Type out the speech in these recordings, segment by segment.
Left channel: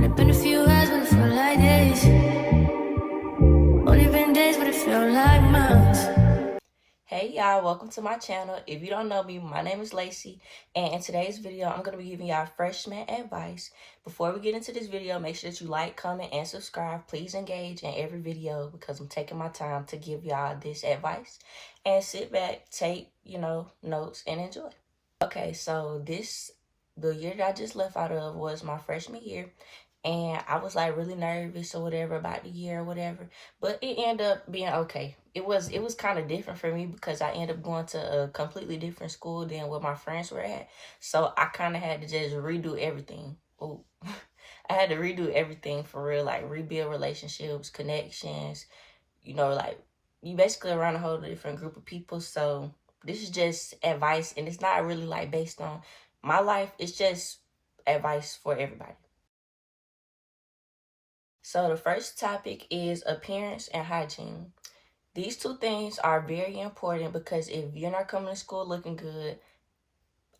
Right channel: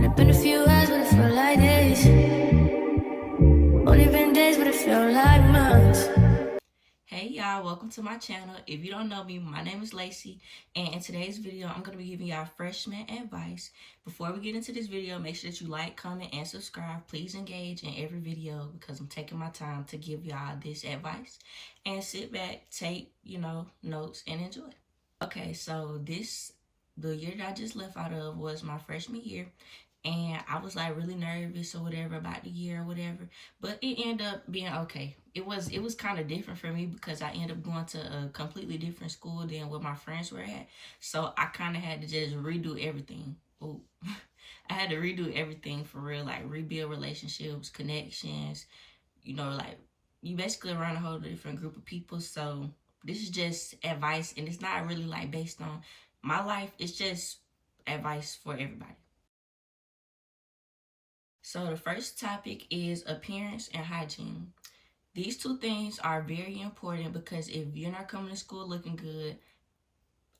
Only been a few hours, but it felt like days. Only been days, but it felt like months. Hey y'all, welcome to my channel. If you don't know me, my name is Lacey, and in today's video, I'm going to be giving y'all freshman advice. Before we get into this video, make sure that you like, comment, and subscribe. Please engage in every video because I'm taking my time to give y'all this advice. And sit back, take, notes, and enjoy. Okay, so the year that I just left out of was my freshman year. And I was like really nervous or whatever about the year or whatever, but it ended up being okay. It was kind of different for me because I ended up going to a completely different school than where my friends were at. So I kind of had to just redo everything. Ooh. I had to redo everything for real, like rebuild relationships, connections, like you basically around a whole different group of people. So this is just advice, and it's not really like based on my life. It's just advice for everybody. So the first topic is appearance and hygiene. These two things are very important because if you're not coming to school looking good,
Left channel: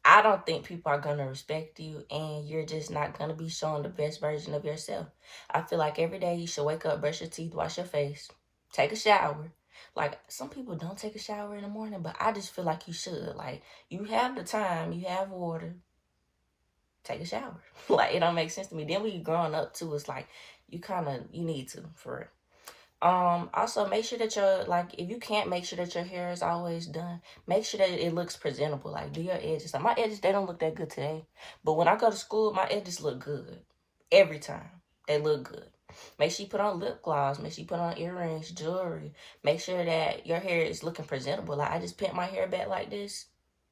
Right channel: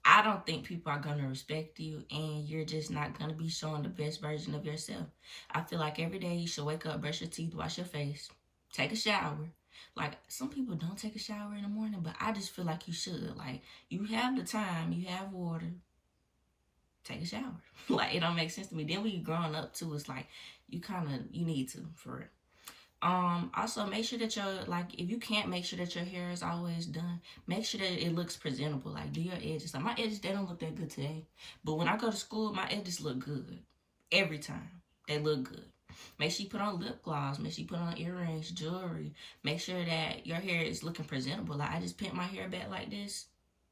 I don't think people are going to respect you, and you're just not going to be showing the best version of yourself. I feel like every day you should wake up, brush your teeth, wash your face, take a shower. Like, some people don't take a shower in the morning, but I just feel like you should. Like, you have the time, you have water, take a shower. Like, it don't make sense to me. Then when you growing up too, it's like you need to, for real. Also make sure that if you can't make sure that your hair is always done, make sure that it looks presentable. Like, do your edges. Like, my edges, they don't look that good today, but when I go to school, my edges look good every time. They look good. Make sure you put on lip gloss. Make sure you put on earrings, jewelry. Make sure that your hair is looking presentable. Like, I just pinned my hair back like this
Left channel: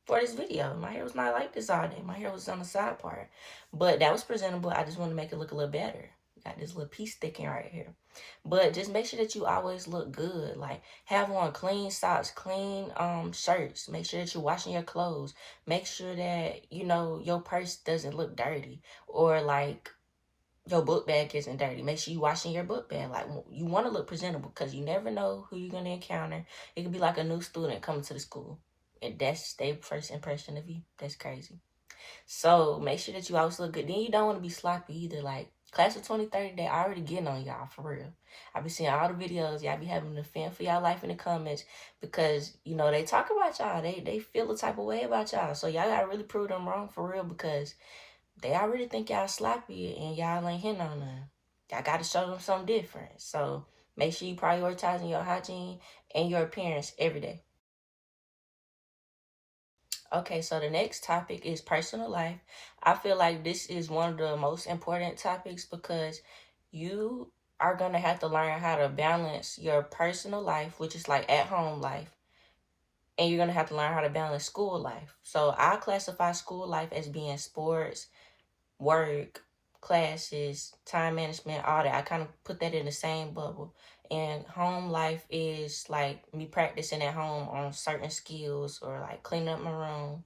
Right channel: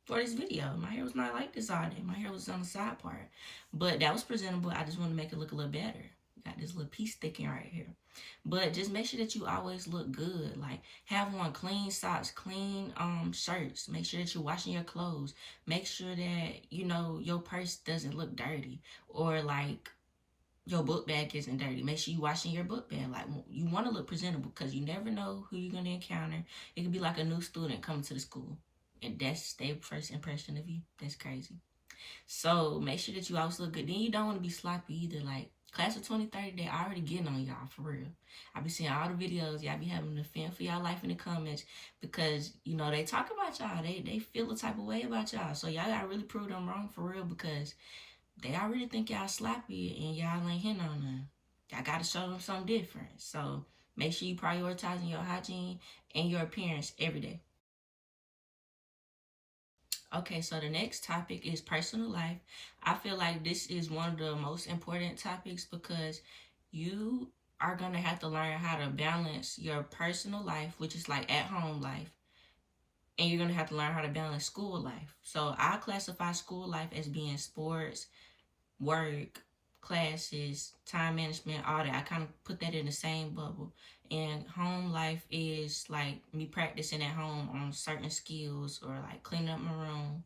for this video. My hair was not like this all day. My hair was on the side part, but that was presentable. I just want to make it look a little better. Got this little piece sticking right here. But just make sure that you always look good. Like, have on clean socks, clean shirts. Make sure that you're washing your clothes. Make sure that, your purse doesn't look dirty. Or, like, your book bag isn't dirty. Make sure you're washing your book bag. Like, you want to look presentable because you never know who you're going to encounter. It could be like a new student coming to the school, and that's their first impression of you. That's crazy. So make sure that you always look good. Then you don't want to be sloppy either. Like, class of 2030, they already getting on y'all, for real. I be seeing all the videos. Y'all be having to fend for y'all life in the comments because, they talk about y'all. They feel the type of way about y'all. So y'all got to really prove them wrong, for real, because they already think y'all sloppy and y'all ain't hitting on none. Y'all got to show them something different. So make sure you prioritizing your hygiene and your appearance every day. Okay, so the next topic is personal life. I feel like this is one of the most important topics because you are going to have to learn how to balance your personal life, which is like at home life, and you're going to have to learn how to balance school life. So I classify school life as being sports, work, classes, time management, all that. I kind of put that in the same bubble. And home life is like me practicing at home on certain skills or like cleaning up my room,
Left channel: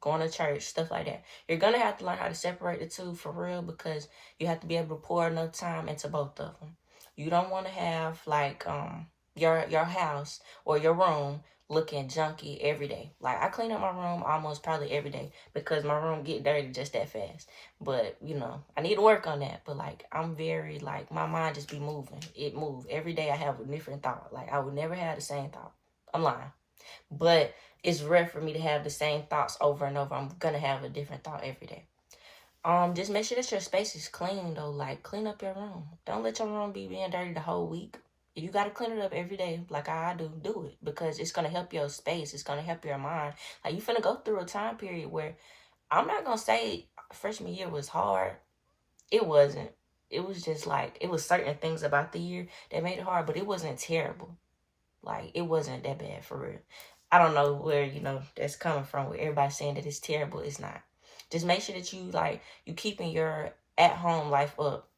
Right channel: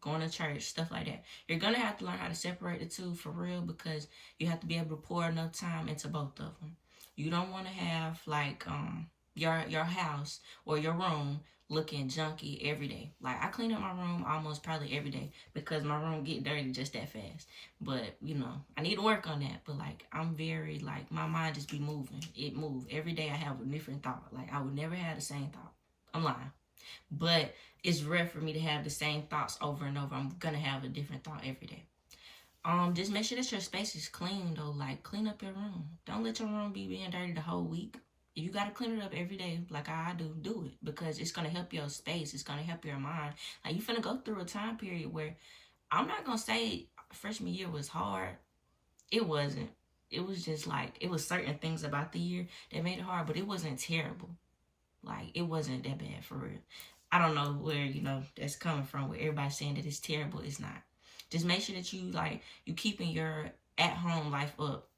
going to church, stuff like that. You're going to have to learn how to separate the two, for real, because you have to be able to pour enough time into both of them. You don't want to have like your house or your room looking junky every day. Like, I clean up my room almost probably every day because my room get dirty just that fast. But, I need to work on that. But, like, I'm very, like, my mind just be moving. It moves. Every day I have a different thought. Like, I would never have the same thought. I'm lying. But it's rare for me to have the same thoughts over and over. I'm going to have a different thought every day. Just make sure that your space is clean, though. Like, clean up your room. Don't let your room be being dirty the whole week. If you got to clean it up every day, like I do it. Because it's going to help your space. It's going to help your mind. Like, you finna go through a time period where, I'm not going to say freshman year was hard. It wasn't. It was just like, it was certain things about the year that made it hard, but it wasn't terrible. Like, it wasn't that bad, for real. I don't know where, that's coming from, where everybody's saying that it's terrible. It's not. Just make sure that you keeping your at-home life up.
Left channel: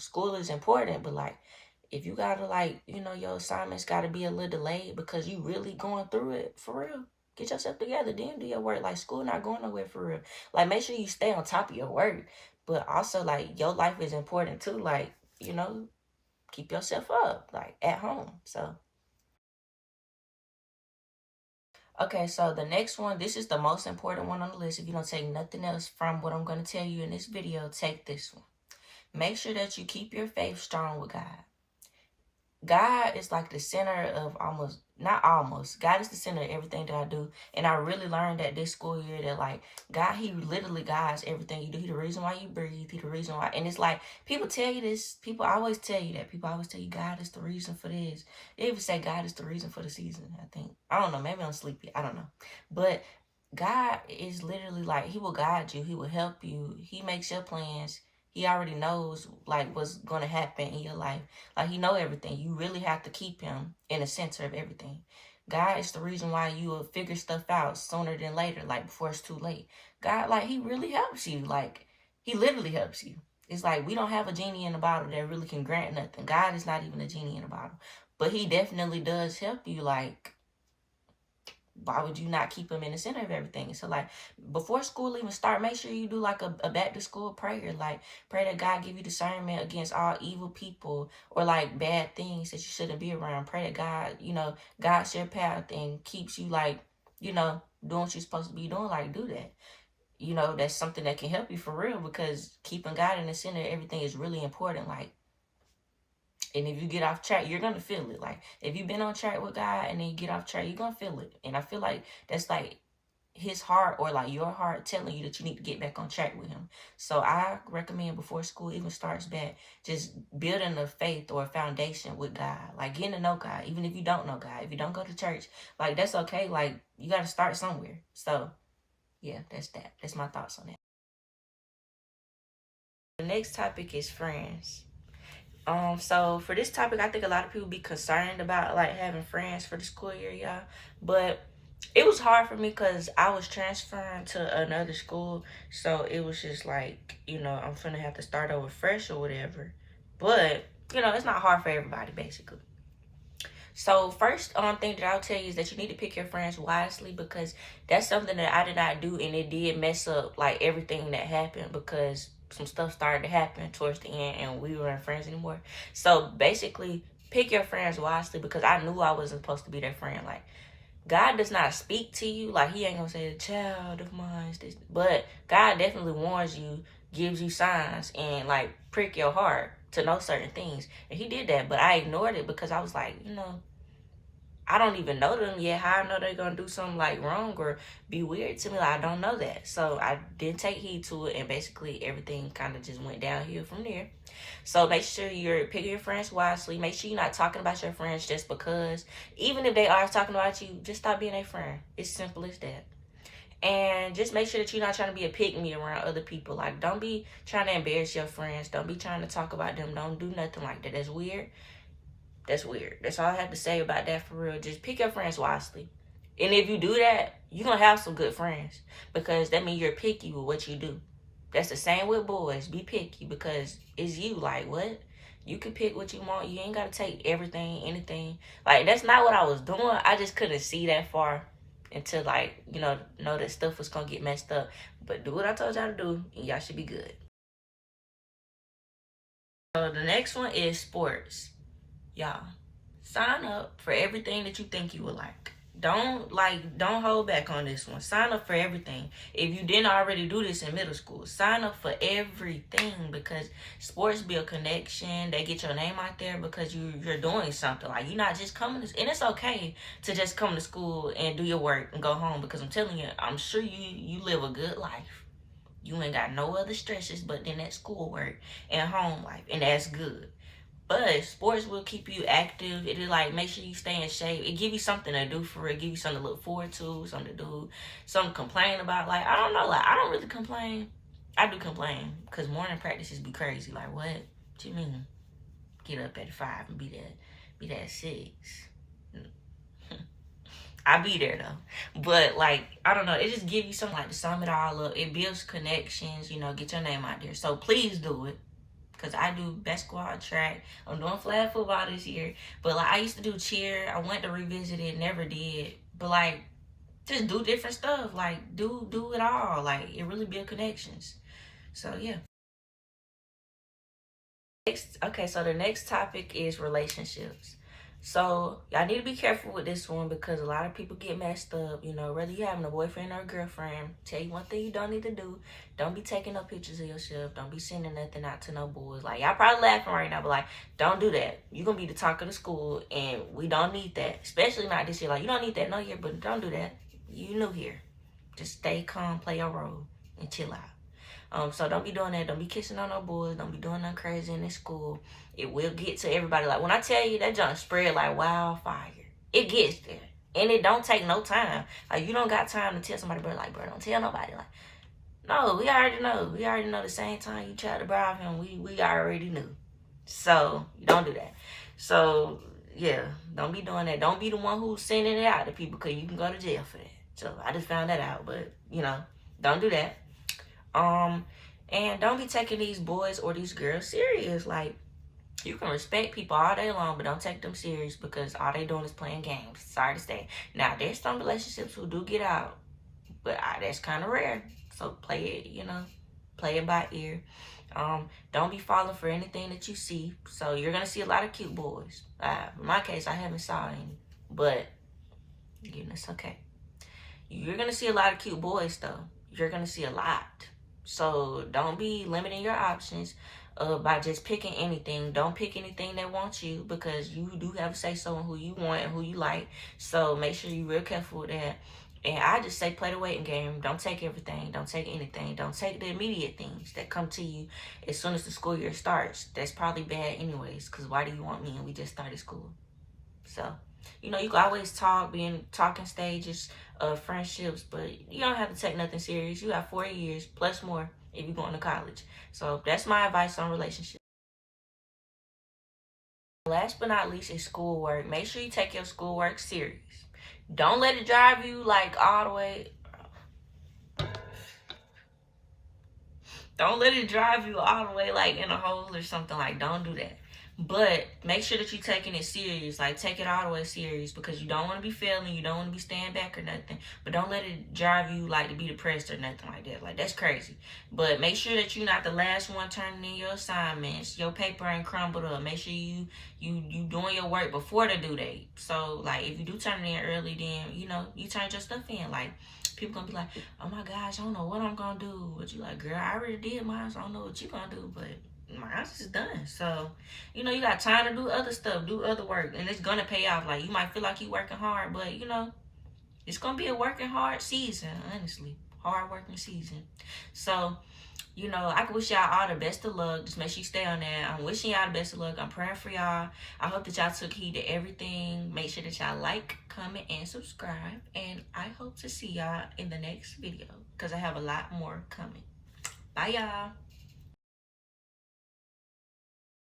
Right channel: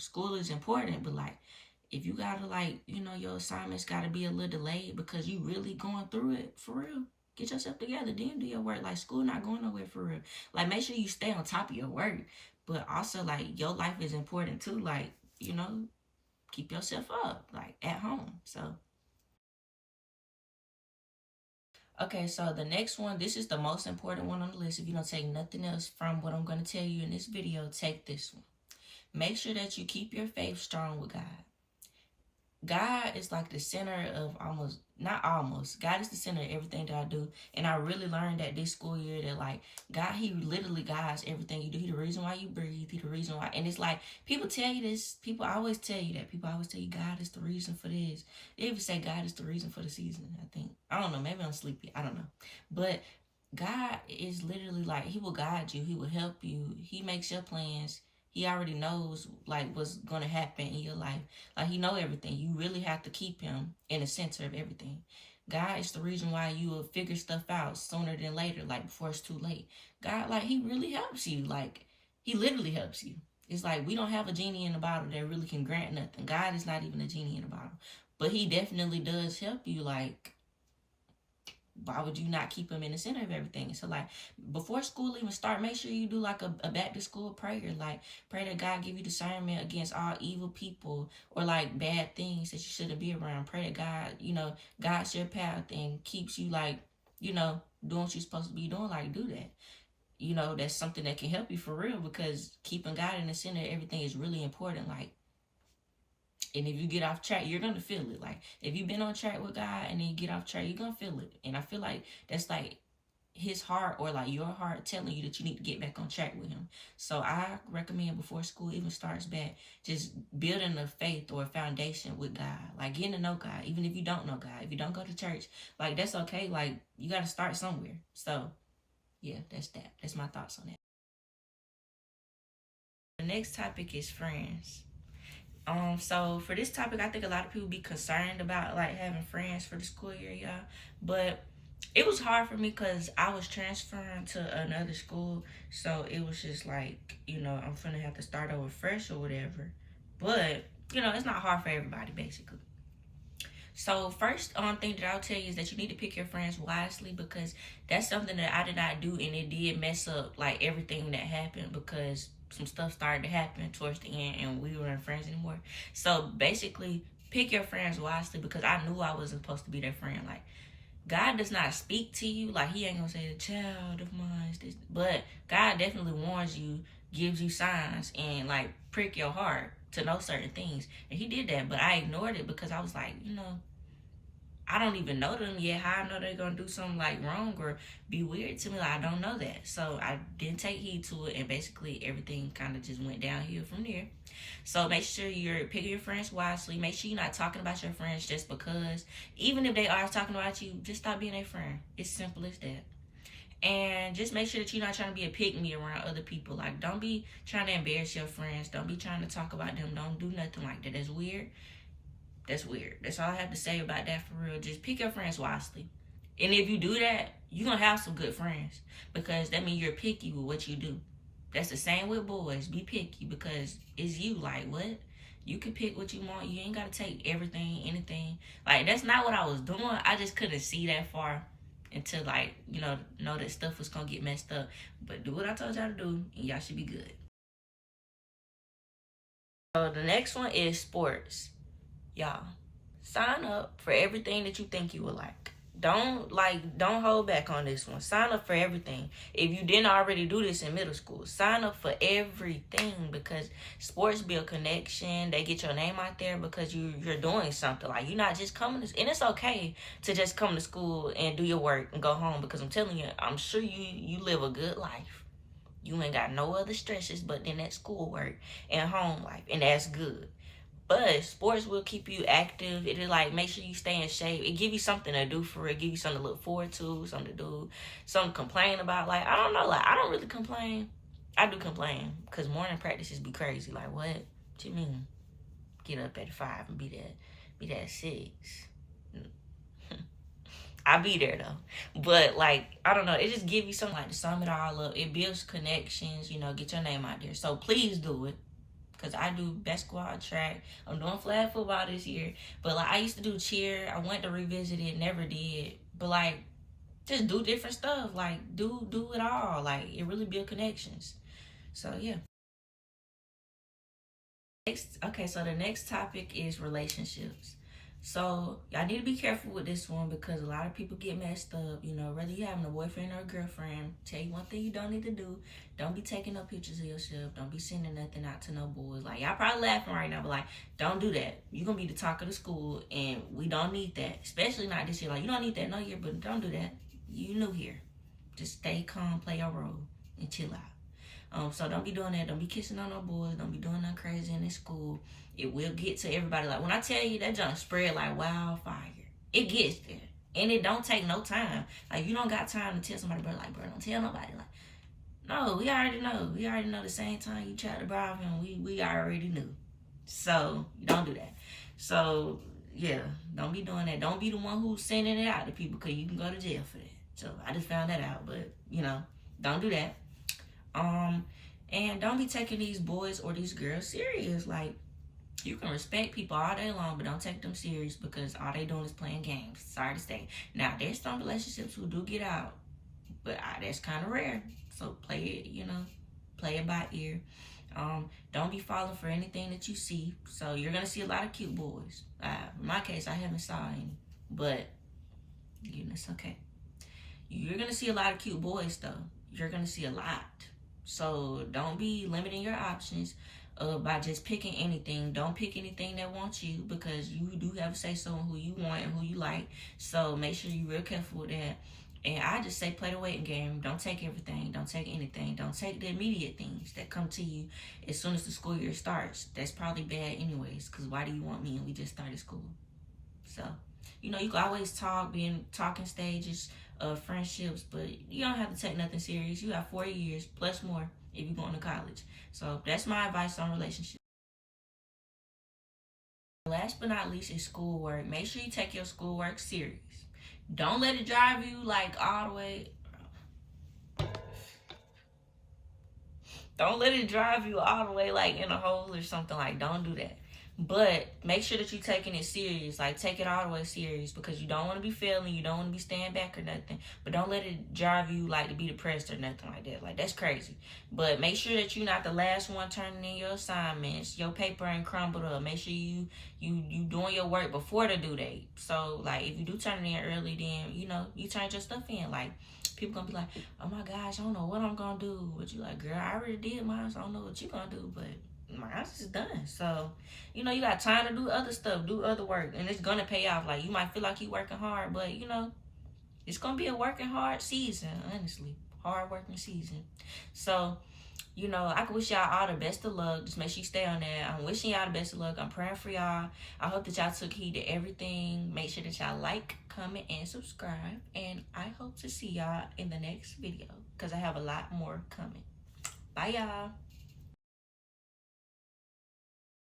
School is important, but, like, if you gotta, your assignments gotta be a little delayed because you really going through it, for real, get yourself together, then do your work. Like, school not going nowhere, for real. Like, make sure you stay on top of your work, but also, like, your life is important, too. Like, keep yourself up, like, at home, so... Okay, so the next one, this is the most important one on the list. If you don't take nothing else from what I'm going to tell you in this video, take this one. make sure that you keep your faith strong with God. God is like the center of God is the center of everything that I do. And I really learned that this school year that like God, he literally guides everything you do. He the reason why you breathe. He the reason why. And it's like, people tell you this. People always tell you that. People always tell you God is the reason for this. They even say God is the reason for the season, I think. I don't know. Maybe I'm sleepy. I don't know. But God is literally like, he will guide you. He will help you. He makes your plans. He already knows like what's going to happen in your life. Like, he know everything. You really have to keep him in the center of everything. God is the reason why you will figure stuff out sooner than later, like before it's too late. God, like, he really helps you. Like, he literally helps you. It's like, we don't have a genie in a bottle that really can grant nothing. God is not even a genie in a bottle. But he definitely does help you. Like, why would you not keep him in the center of everything? So like, before school even start, make sure you do like a back to school prayer. Like, pray that God give you discernment against all evil people or like bad things that you shouldn't be around. Pray that God, guides your path and keeps you like, doing what you're supposed to be doing. Like, do that. That's something that can help you for real, because keeping God in the center of everything is really important. Like, and if you get off track, you're going to feel it. Like, if you've been on track with God and then you get off track, you're going to feel it. And I feel like that's like his heart or like your heart telling you that you need to get back on track with him. So I recommend before school even starts back, just building a faith or a foundation with God. Like, getting to know God, even if you don't know God. If you don't go to church, like, that's okay. Like, you got to start somewhere. So, yeah, that's that. That's my thoughts on that. The next topic is friends. So for this topic, I think a lot of people be concerned about like having friends for the school year, y'all. But it was hard for me because I was transferring to another school, so it was just like, I'm gonna have to start over fresh or whatever. But it's not hard for everybody, basically. So first thing that I'll tell you is that you need to pick your friends wisely, because that's something that I did not do, and it did mess up like everything that happened, because some stuff started to happen towards the end and we weren't friends anymore. So basically, pick your friends wisely, because I knew I wasn't supposed to be their friend. Like, God does not speak to you. Like, he ain't gonna say, the child of mine is this. But God definitely warns you, gives you signs, and like prick your heart to know certain things. And he did that, but I ignored it because I was like, I don't even know them yet. How I know they're going to do something like wrong or be weird to me? Like, I don't know that. So I didn't take heed to it, and basically everything kind of just went downhill from there. So make sure you're picking your friends wisely. Make sure you're not talking about your friends just because. Even if they are talking about you, just stop being a friend. It's simple as that. And just make sure that you're not trying to be a pick-me around other people. Like, don't be trying to embarrass your friends. Don't be trying to talk about them. Don't do nothing like that. That's weird. That's weird. That's all I have to say about that, for real. Just pick your friends wisely. And if you do that, you're going to have some good friends, because that means you're picky with what you do. That's the same with boys. Be picky, because it's you. Like, what? You can pick what you want. You ain't got to take everything, anything. Like, that's not what I was doing. I just couldn't see that far until, like, know that stuff was going to get messed up. But do what I told y'all to do, and y'all should be good. So the next one is sports. Y'all, sign up for everything that you think you would like. Don't hold back on this one. Sign up for everything. If you didn't already do this in middle school, sign up for everything, because sports build connection. They get your name out there because you're doing something. Like, you're not just coming to, and it's okay to just come to school and do your work and go home, because I'm telling you, I'm sure you live a good life. You ain't got no other stresses but then that schoolwork and home life, and that's good. But sports will keep you active. It'll like make sure you stay in shape. It give you something to do for it. Give you something to look forward to, something to do, something to complain about. Like, I don't know. Like, I don't really complain. I do complain because morning practices be crazy. Like, what you mean? Get up at 5 and be there at 6. I be there though. But like, I don't know. It just give you something like to sum it all up. It builds connections. Get your name out there. So please do it. Because I do basketball, track. I'm doing flag football this year. But, like, I used to do cheer. I went to revisit it. Never did. But, like, just do different stuff. Like, do it all. Like, it really builds connections. So, yeah. Okay, so the next topic is relationships. So y'all need to be careful with this one because a lot of people get messed up. You know, whether you having a boyfriend or a girlfriend, tell you one thing you don't need to do. Don't be taking no pictures of yourself. Don't be sending nothing out to no boys. Like, y'all probably laughing right now, but like, don't do that. You're gonna be the talk of the school, and we don't need that. Especially not this year. Like, you don't need that no year, but don't do that. You new here. Just stay calm, play your role, and chill out. So don't be doing that. Don't be kissing on no boys. Don't be doing nothing crazy in this school. It will get to everybody. Like, when I tell you that junk spread like wildfire, it gets there. And it don't take no time. Like, you don't got time to tell somebody, bro, like, bro, don't tell nobody. Like, no, we already know. We already know the same time you tried to bribe him, we already knew. So, don't do that. So, yeah, don't be doing that. Don't be the one who's sending it out to people because you can go to jail for that. So, I just found that out. But, you know, don't do that. And don't be taking these boys or these girls serious. Like, you can respect people all day long, but don't take them serious because all they doing is playing games. Sorry to say. Now, there's some relationships who do get out, but that's kind of rare. So play it, you know, play it by ear. Don't be falling for anything that you see. So you're gonna see a lot of cute boys. In my case, I haven't saw any, but you know, it's okay. You're gonna see a lot of cute boys though. You're gonna see a lot. So don't be limiting your options by just picking anything. Don't pick anything that wants you because you do have to say so on who you want and who you like. So make sure you're real careful with that. And I just say play the waiting game. Don't take everything. Don't take anything. Don't take the immediate things that come to you as soon as the school year starts. That's probably bad anyways because why do you want me and we just started school? So, you know, you can always talk, be in talking stages of friendships, but you don't have to take nothing serious. You have 4 years plus more if you're going to college. So that's my advice on relationships. Last but not least is schoolwork. Make sure you take your schoolwork serious. Don't let it drive you like all the way. Don't let it drive you all the way like in a hole or something. Like, don't do that. But make sure that you're taking it serious. Like, take it all the way serious because you don't want to be failing. You don't want to be staying back or nothing. But don't let it drive you like to be depressed or nothing like that. Like, that's crazy. But make sure that you're not the last one turning in your assignments. Your paper ain't crumbled up. Make sure you doing your work before the due date. So, like, if you do turn it in early, then, you know, you turn your stuff in. Like, people gonna be like, oh my gosh, I don't know what I'm gonna do. But you like, girl, I already did mine, so I don't know what you gonna do. But mine's is done. So, you know, you got time to do other stuff, do other work, and it's gonna pay off. Like, you might feel like you working hard, but you know, it's gonna be a working hard season, honestly. Hard working season. So, you know, I can wish y'all all the best of luck. Just make sure you stay on that. I'm wishing y'all the best of luck. I'm praying for y'all. I hope that y'all took heed to everything. Make sure that y'all like, comment, and subscribe. And I hope to see y'all in the next video because I have a lot more coming. Bye, y'all.